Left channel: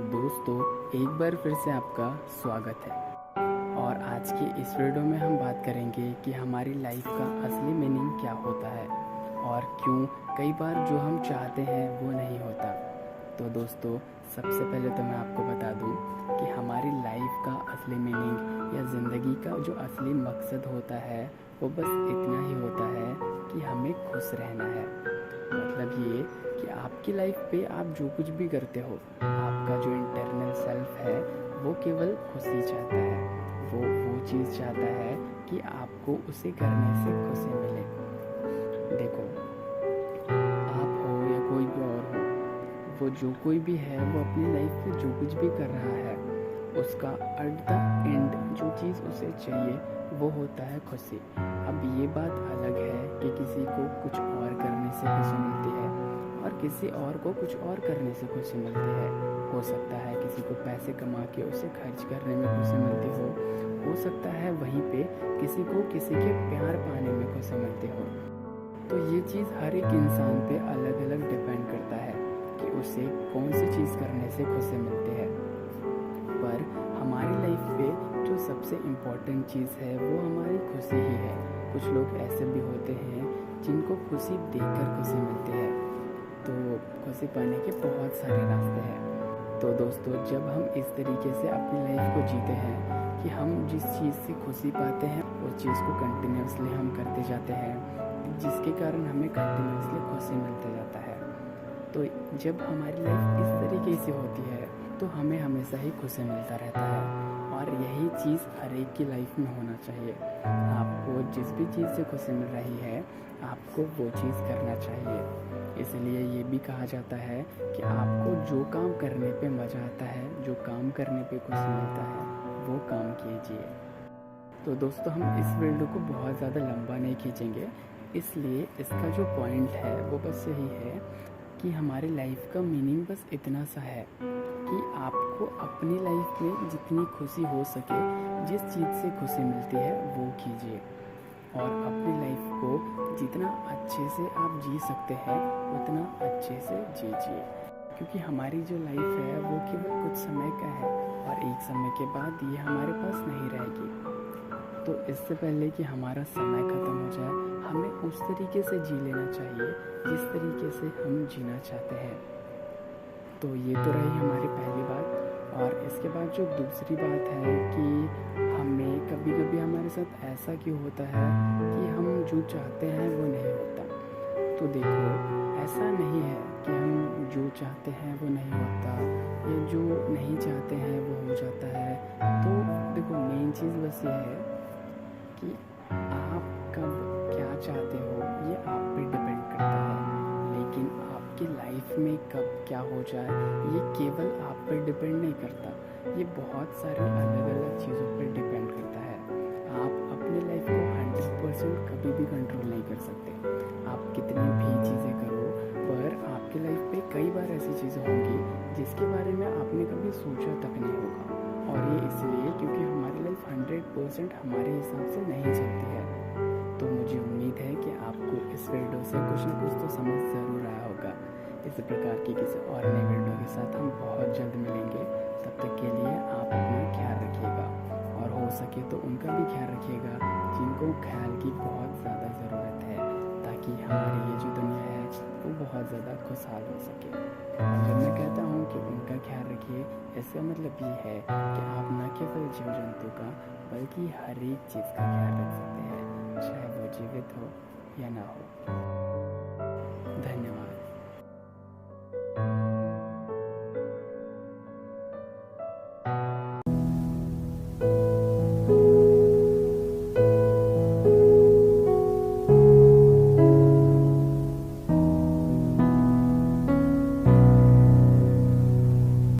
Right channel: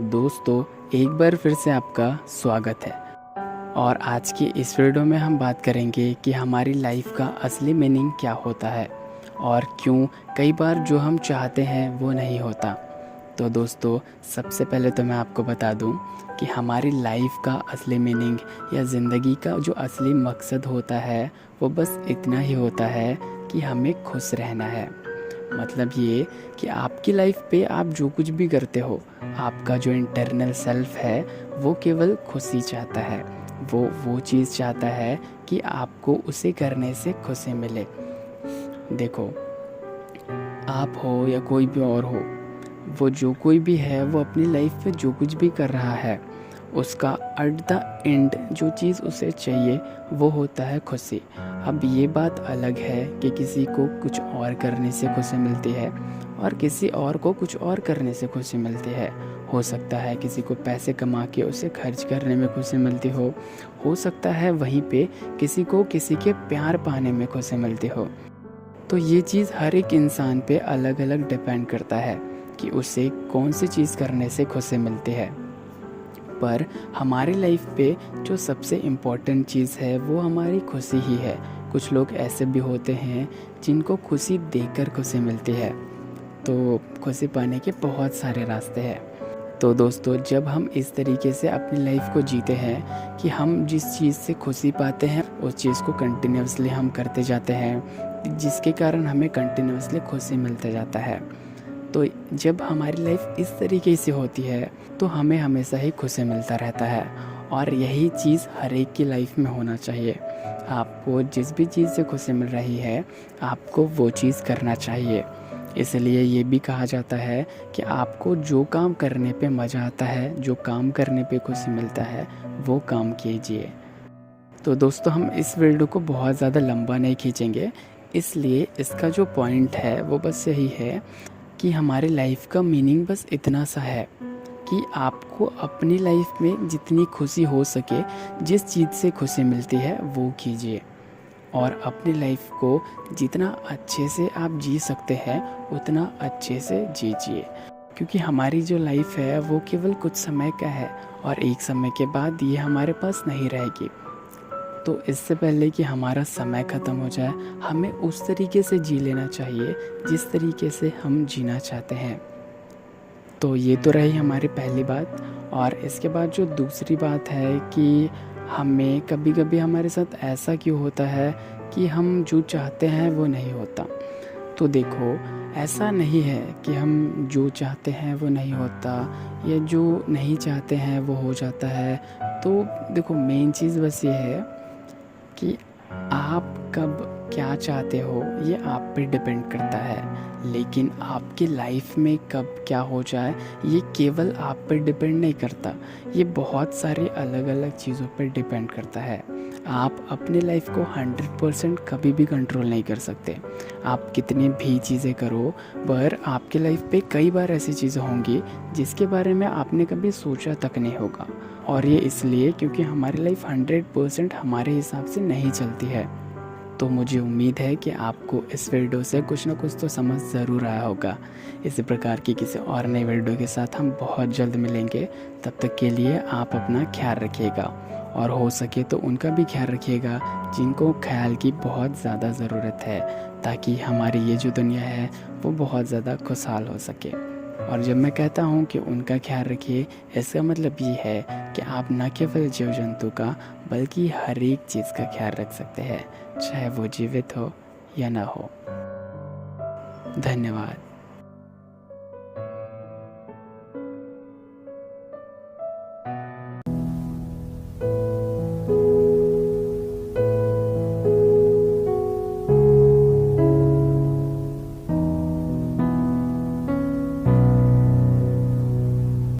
दोस्तों, एक बार फिर से आपका स्वागत है। और आज की इस वीडियो में हम बात करेंगे कि हमारी लाइफ का असली मीनिंग क्या होता है और क्यों कई बार जो हम चाहते हैं वो नहीं होता। तो दोस्तों, सबसे पहले तो मैं आपको बता दूं कि हमारी लाइफ का असली मीनिंग या ज़िंदगी का जो असली मकसद होता है वो बस इतना ही होता है कि हमें खुश रहना है। मतलब ये कि आपकी लाइफ पे आप जो कुछ भी करते हो, आपका जो इंटरनल सेल्फ है वो केवल खुशी चाहता है। वो चीज़ चाहता है कि आपको उसे करने से खुशी मिले। देखो, आप हो या कोई भी और हो, वो जो कोई भी है वो अपनी लाइफ में जो कुछ भी कर रहा है, उसका एट द एंड जो चीज़ उसे चाहिए वो होता है खुशी। अब ये बात अलग है कि किसी को कुछ और करने से खुशी मिलती है और किसी और को कुछ और करने से खुशी मिलती है। हो सकता है किसी को पैसे कमा के उसे खर्च करने में खुशी मिलती हो सकता है वहीं पे किसी को किसी के प्यार पाने में खुशी मिलती हो। तो ये चीज़ हर एक इंसान पे अलग अलग डिपेंड करता है कि उसे कौन सी चीज़ करने से खुशी मिलती है। पर हमारी लाइफ पे जो सबसे इम्पोर्टेंट चीज़ है वो हमारी खुशी ही है। कुछ लोग ऐसे भी होते हैं जिनको खुशी देकर खुशी मिलती है। तो खुशी पाने के बहुत सारे रास्ते हैं। तो दोस्तों, जब हम इस तरीके से अपनी लाइफ को जीते हैं कि हम जिस चीज़ से खुशी पाते हैं उस चीज़ को कंटिन्यूसली हम करते जाते हैं, जिसके कारण हमें कंटिन्यूसली खुशी मिलता जाता है। तो जब हमारी लाइफ इस तरीके से होती है तो हमें हमेशा ही खुशी मिलता रहता है। और यही चीज़ हर एक की लाइफ में होना चाहिए। आपको जिस भी चीज़ से खुशी मिल रही है आपको वो चीज़ करना चाहिए। इसलिए ये भी कहा जाता है कि आपको जो काम करने पे मज़ा आता है, जो काम करने पे खुशी मिलता है, वो काम कीजिए। तो दोस्तों, हम इस वीडियो को बहुत ज़्यादा लंबा नहीं खींचेंगे, इसलिए इसका जो पॉइंट है वो बस यही है कि हमारे लाइफ का मीनिंग बस इतना सा है कि आपको अपनी लाइफ में जितनी खुशी हो सके, जिस चीज़ से खुशी मिलती है वो कीजिए। और अपनी लाइफ को जितना अच्छे से आप जी सकते हैं उतना अच्छे से जीजिए। क्योंकि हमारी जो लाइफ है वो केवल कुछ समय का है और एक समय के बाद ये हमारे पास नहीं रहेगी। तो इससे पहले कि हमारा समय ख़त्म हो जाए, हमें उस तरीके से जी लेना चाहिए जिस तरीके से हम जीना चाहते हैं। तो ये तो रही हमारी पहली बात। और इसके बाद जो दूसरी बात है कि हमें कभी कभी हमारे साथ ऐसा क्यों होता है कि हम जो चाहते हैं वो नहीं होता। तो देखो, ऐसा नहीं है कि हम जो चाहते हैं वो नहीं होता या जो नहीं चाहते हैं वो हो जाता है। तो देखो, मेन चीज़ बस ये है कि आप कब क्या चाहते हो ये आप पे डिपेंड करता है। लेकिन आपकी लाइफ में कब क्या हो जाए ये केवल आप पर डिपेंड नहीं करता, ये बहुत सारी अलग अलग चीज़ों पर डिपेंड करता है। आप अपनी लाइफ को 100% कभी भी कंट्रोल नहीं कर सकते। आप कितनी भी चीज़ें करो, पर आपकी लाइफ पे कई बार ऐसी चीज़ें होंगी जिसके बारे में आपने कभी सोचा तक नहीं होगा। और ये इसलिए क्योंकि हमारी लाइफ 100% हमारे हिसाब से नहीं चलती है। तो मुझे उम्मीद है कि आपको इस वीडियो से कुछ ना कुछ तो समझ ज़रूर आया होगा। इसी प्रकार की किसी और नई वीडियो के साथ हम बहुत जल्द मिलेंगे। तब तक के लिए आप अपना ख्याल रखिएगा और हो सके तो उनका भी ख्याल रखिएगा जिनको ख्याल की बहुत ज़्यादा ज़रूरत है, ताकि हमारी ये जो दुनिया है वो बहुत ज़्यादा खुशहाल हो सके। और जब मैं कहता हूँ कि उनका ख्याल रखिए, इसका मतलब ये है कि आप न केवल जीव जंतु का बल्कि हर एक चीज़ का ख्याल रख सकते हैं, चाहे वो जीवित हो या ना हो। धन्यवाद।